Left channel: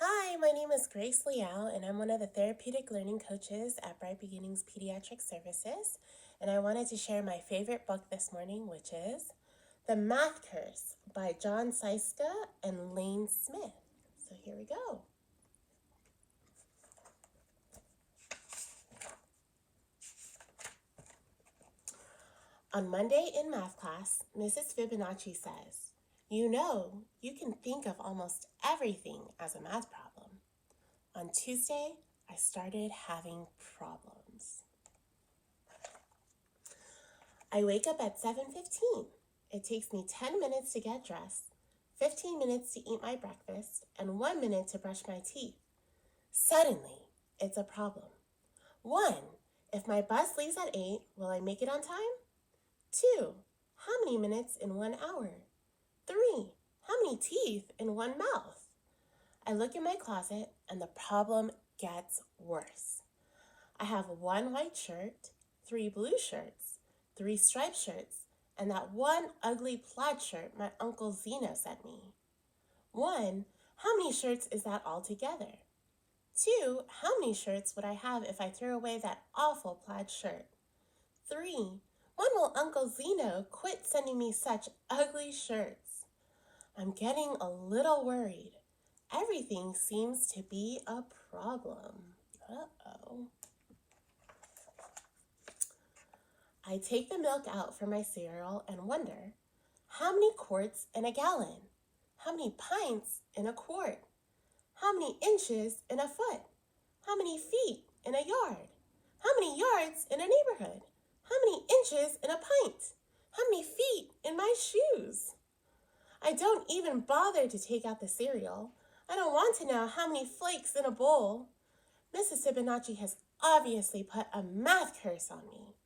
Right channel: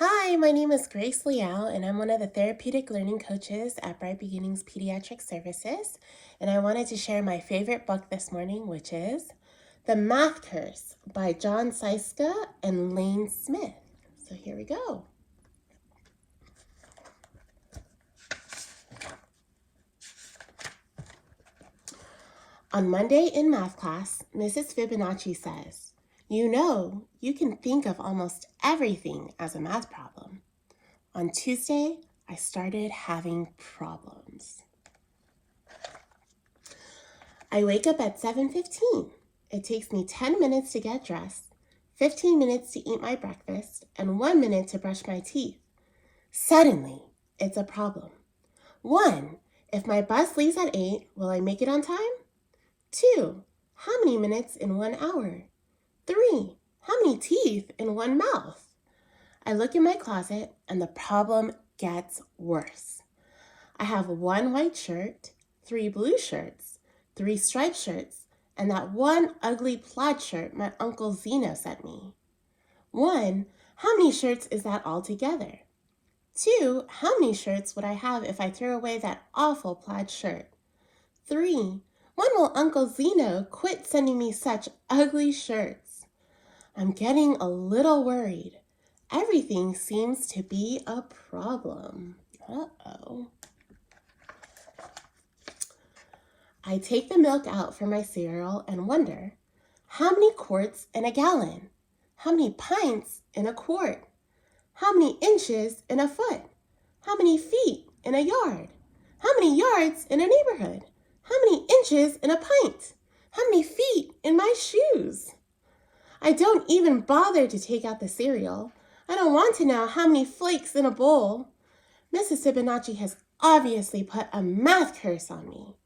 Hi, my name is Grace Liau, and I'm one of the therapeutic learning coaches at Bright Beginnings Pediatric Services. And I wanted to share my favorite book this morning, which is The Math Curse by John Scieszka and Lane Smith. So here we go. On Monday in math class, Mrs. Fibonacci says, "You know, you can think of almost everything as a math problem." On Tuesday, I started having problems. I wake up at 7:15. It takes me 10 minutes to get dressed, 15 minutes to eat my breakfast, and 1 minute to brush my teeth. Suddenly, it's a problem. 1. If my bus leaves at 8, will I make it on time? 2. How many minutes in 1 hour? 3. How many teeth in one mouth? I look in my closet and the problem gets worse. I have 1 white shirt, 3 blue shirts, 3 striped shirts, and that 1 ugly plaid shirt my Uncle Zeno sent me. 1. How many shirts is that altogether? 2. How many shirts would I have if I threw away that awful plaid shirt? 3. When will Uncle Zeno quit sending me such ugly shirts? I'm getting a little worried. Everything seems to be a problem. Uh-oh. I take the milk out for my cereal and wonder, how many quarts in a gallon? How many pints in a quart? How many inches in a foot? How many feet in a yard? How many yards in a neighborhood? How many inches in a pint? How many feet in my shoes? I don't even bother to take out the cereal. I don't want to know how many flakes in a bowl. Mrs. Fibonacci has obviously put a math curse on me.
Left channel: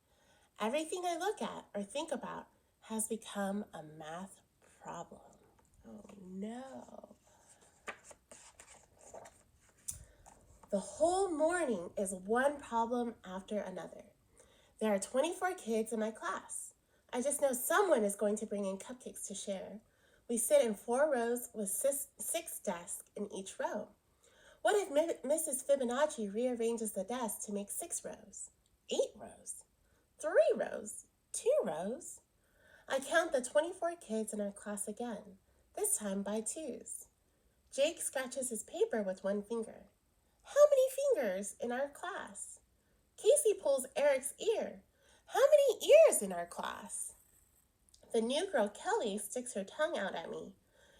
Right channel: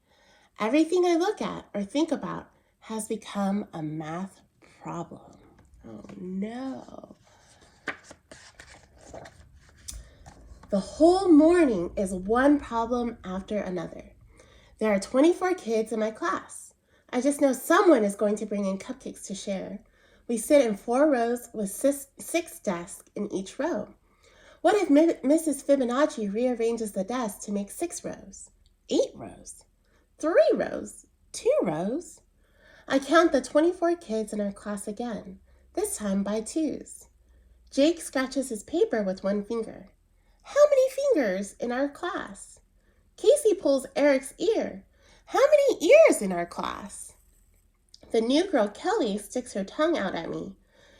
Everything I look at or think about has become a math problem. Oh no. The whole morning is one problem after another. There are 24 kids in my class. I just know someone is going to bring in cupcakes to share. We sit in 4 rows with 6 desks in each row. What if Mrs. Fibonacci rearranges the desks to make 6 rows, 8 rows, 3 rows, 2 rows? I count the 24 kids in our class again, this time by twos. Jake scratches his paper with 1 finger. How many fingers in our class? Casey pulls Eric's ear. How many ears in our class? The new girl Kelly sticks her tongue out at me.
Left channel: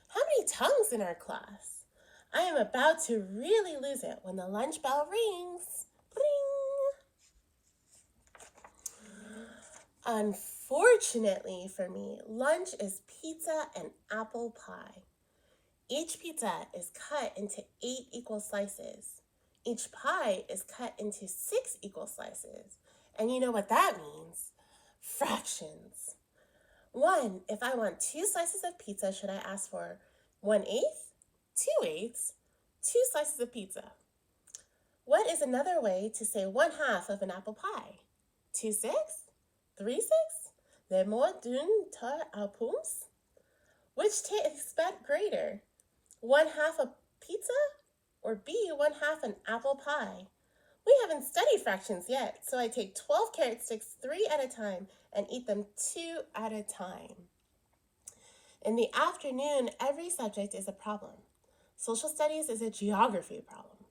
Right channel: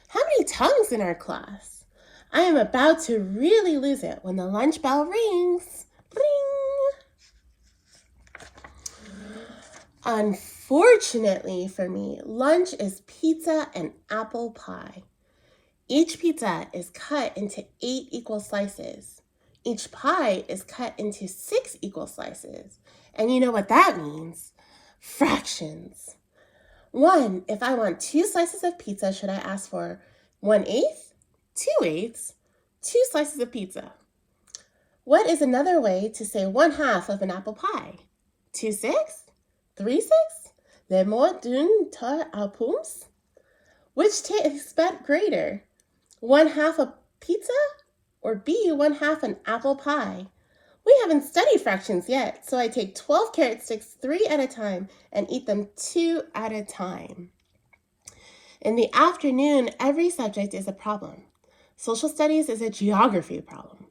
How many tongues in our class? I am about to really lose it when the lunch bell rings. Ring! Unfortunately for me, lunch is pizza and apple pie. Each pizza is cut into 8 equal slices. Each pie is cut into 6 equal slices. And you know what that means? Fractions. 1, if I want 2 slices of pizza, should I ask for 1/8, 2/8, 2 slices of pizza? What is another way to say 1/2 of an apple pie? 2/6? 3/6? Le mot d'une tarte aux pommes? Which tastes greater? 1/2 a pizza or B, 1/2 an apple pie? We haven't studied fractions yet, so I take 12 carrot sticks 3 at a time and eat them 2 at a time. In the afternoon, every subject is a problem. Social studies is a geography problem.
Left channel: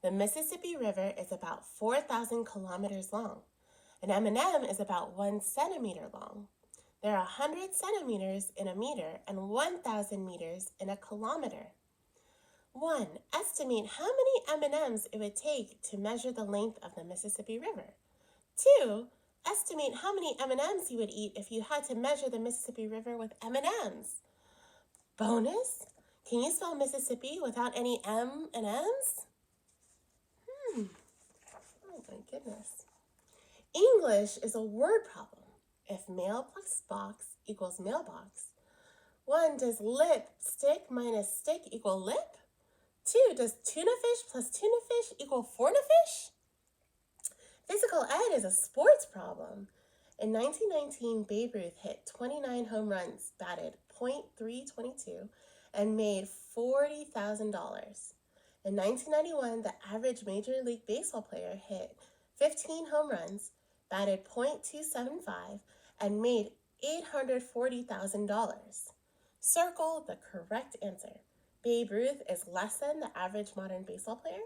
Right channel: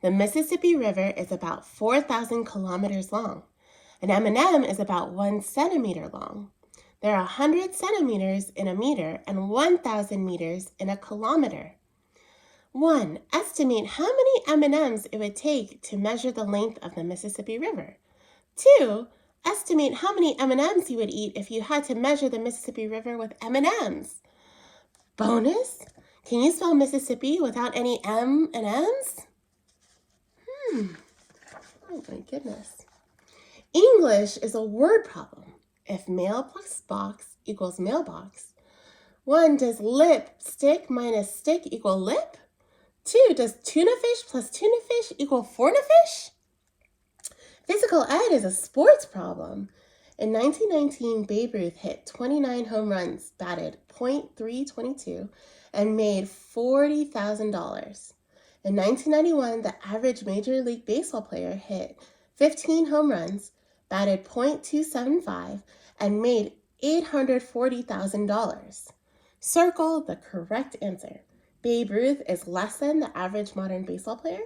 The Mississippi River is about 4,000 kilometers long. An M&M is about 1 centimeter long. There are 100 centimeters in a meter and 1,000 meters in a kilometer. 1. Estimate how many M&Ms it would take to measure the length of the Mississippi River. 2. Estimate how many M&Ms you would eat if you had to measure the Mississippi River with M&Ms. Bonus? Can you spell Mississippi without any M&Ms? Oh my goodness. English is a word problem. If mail plus box equals mailbox, 1, does lipstick minus stick equal lip? 2, does tuna fish plus tuna fish equal forna fish? Physical ed is a sports problem. In 1919, Babe Ruth hit 29 home runs, batted .322, and made $40,000. In 1991, the average Major League Baseball player hit 15 home runs, batted .275, and made $840,000. Circle the correct answer. Babe Ruth is less than the average modern baseball player.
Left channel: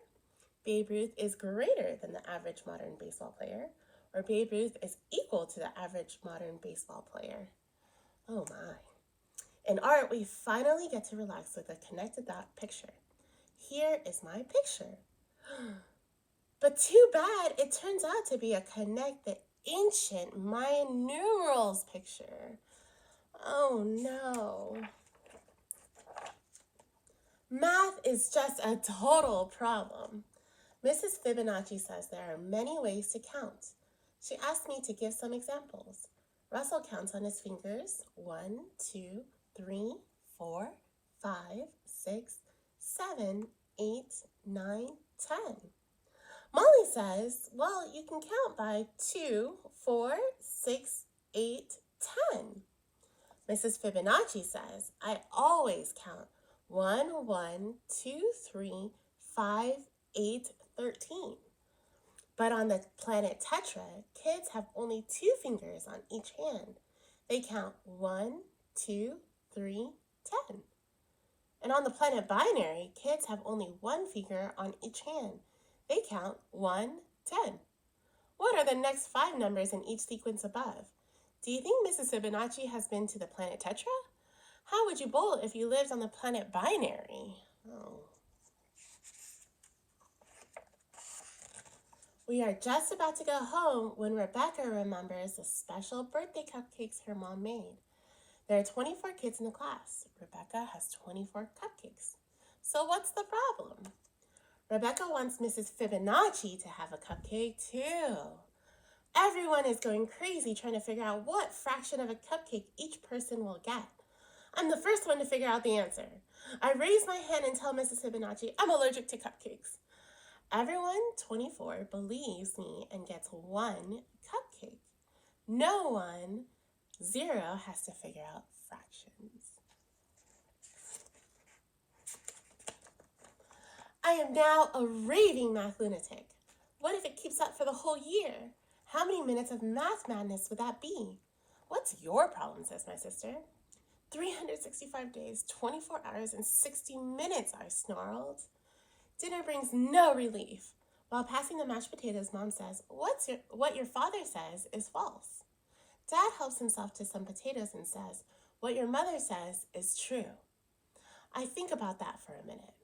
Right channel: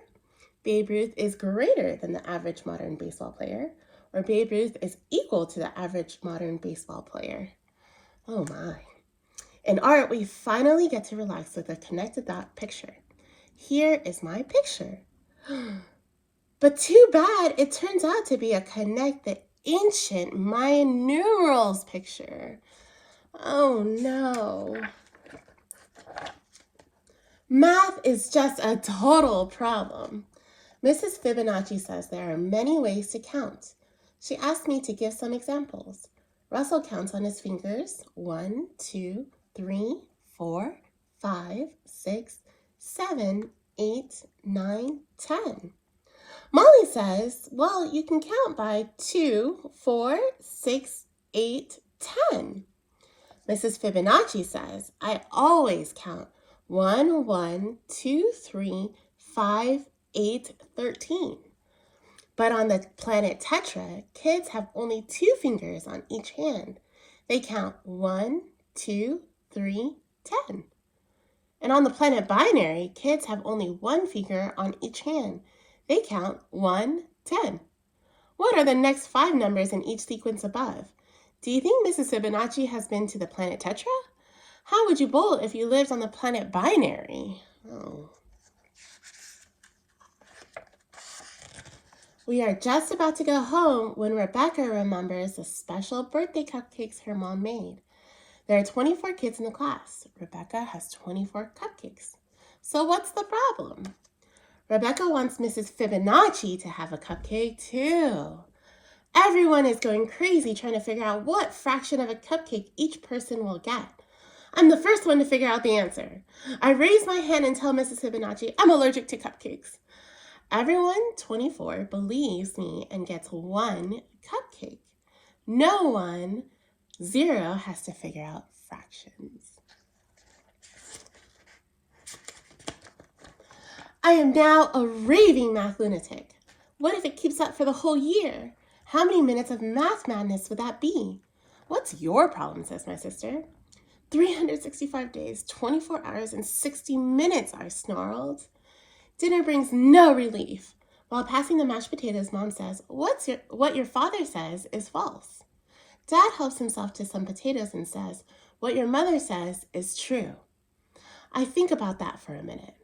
Babe Ruth is greater than the average modern baseball player. Or Babe Ruth is equal to the average modern baseball player. Oh my. In art, we finally get to relax with a connected dot picture. Here is my picture. But too bad it turns out to be a connect the ancient Mayan numerals picture. Oh no. Math is just a total problem. Mrs. Fibonacci says there are many ways to count. She asked me to give some examples. Russell counts on his fingers. 1, 2, 3, 4, 5, 6, 7, 8, 9, 10. Molly says, well, you can count by 2, 4, 6, 8, 10. Mrs. Fibonacci says, I always count 1, 1, 2, 3, 5, 8, 13. But on the planet Tetra, kids have only 2 fingers on each hand. They count 1, 2, 3, 10. And on the planet Binary, kids have only 1 finger on each hand. They count 1, 10. What are the next 5 numbers in each sequence above? Do you think Mrs. Fibonacci has been to the planet Tetra? How would you bowl if you lived on the planet Binary? Oh. We are just about to go home when Rebecca remembers the special birthday cupcakes her mom made. There are 24 kids in the class. Rebecca has 24 cupcakes. So what's the problem? Rebecca wants Mrs. Fibonacci to have a cupcake too. Everyone is going crazy trying to figure out what fraction of a cupcake each person will get. I'm the first one to figure out the answer. I raise my hand and tell Mrs. Fibonacci I'm allergic to cupcakes. Everyone, 24, believes me and gets 1 cupcake. No one, 0, has to figure out fractions. I am now a raving math lunatic. What if it keeps up for the whole year? How many minutes of math madness would that be? What's your problem, says my sister. 365 days, 24 hours, and 60 minutes, I snarled. Dinner brings no relief. While passing the mashed potatoes, Mom says, what your father says is false. Dad helps himself to some potatoes and says, what your mother says is true. I think about that for a minute.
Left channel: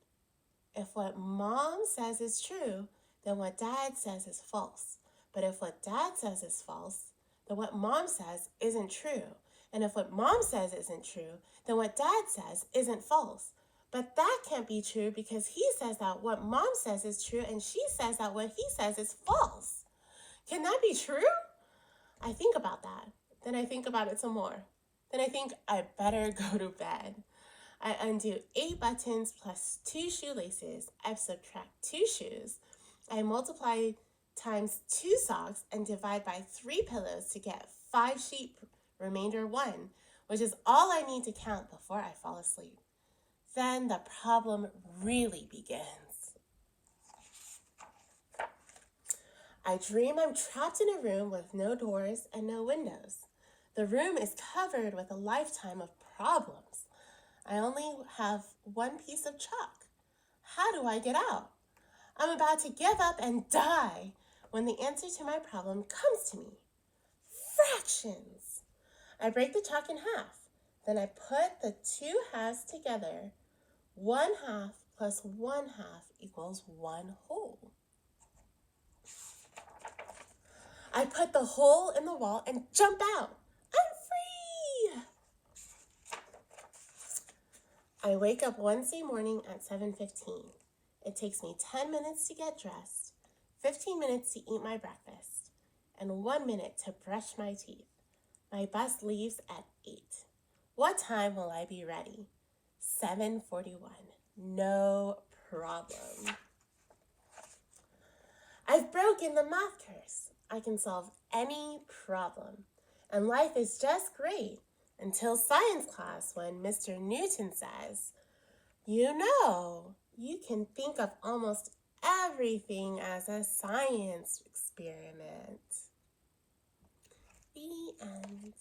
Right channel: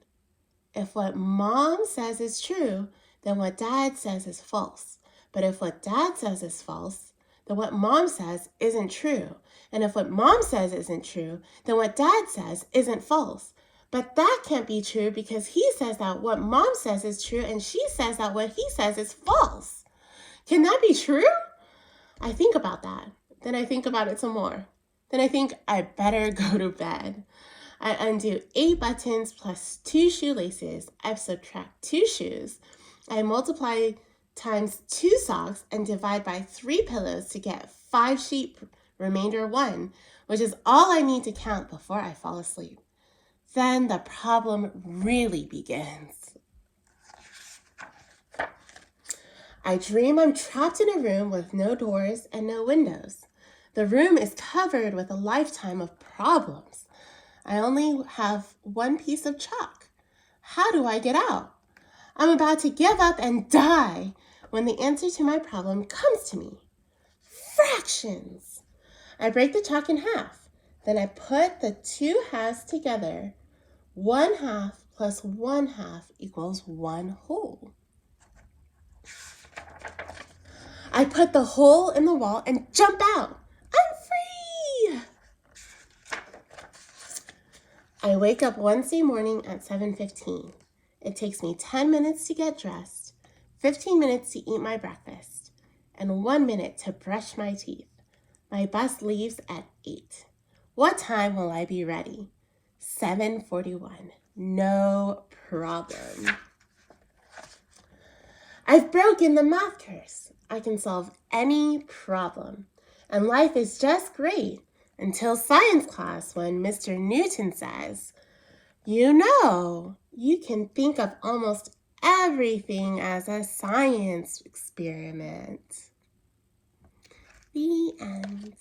If what Mom says is true, then what Dad says is false. But if what Dad says is false, then what Mom says isn't true. And if what Mom says isn't true, then what Dad says isn't false. But that can't be true because he says that what Mom says is true and she says that what he says is false. Can that be true? I think about that. Then I think about it some more. Then I think I better go to bed. I undo 8 buttons plus 2 shoelaces. I subtract 2 shoes. I multiply times 2 socks and divide by 3 pillows to get 5 sheep, remainder 1, which is all I need to count before I fall asleep. Then the problem really begins. I dream I'm trapped in a room with no doors and no windows. The room is covered with a lifetime of problems. I only have 1 piece of chalk. How do I get out? I'm about to give up and die when the answer to my problem comes to me. Fractions. I break the chalk in half. Then I put the 2 halves together. 1/2 plus 1/2 equals 1 whole. I put the hole in the wall and jump out. I'm free! I wake up Wednesday morning at 7:15. It takes me 10 minutes to get dressed, 15 minutes to eat my breakfast, and 1 minute to brush my teeth. My bus leaves at 8. What time will I be ready? 7:41. No problem. I've broken the math curse. I can solve any problem. And life is just great until science class when Mr. Newton says, you know, You can think of almost everything as a science experiment. The end.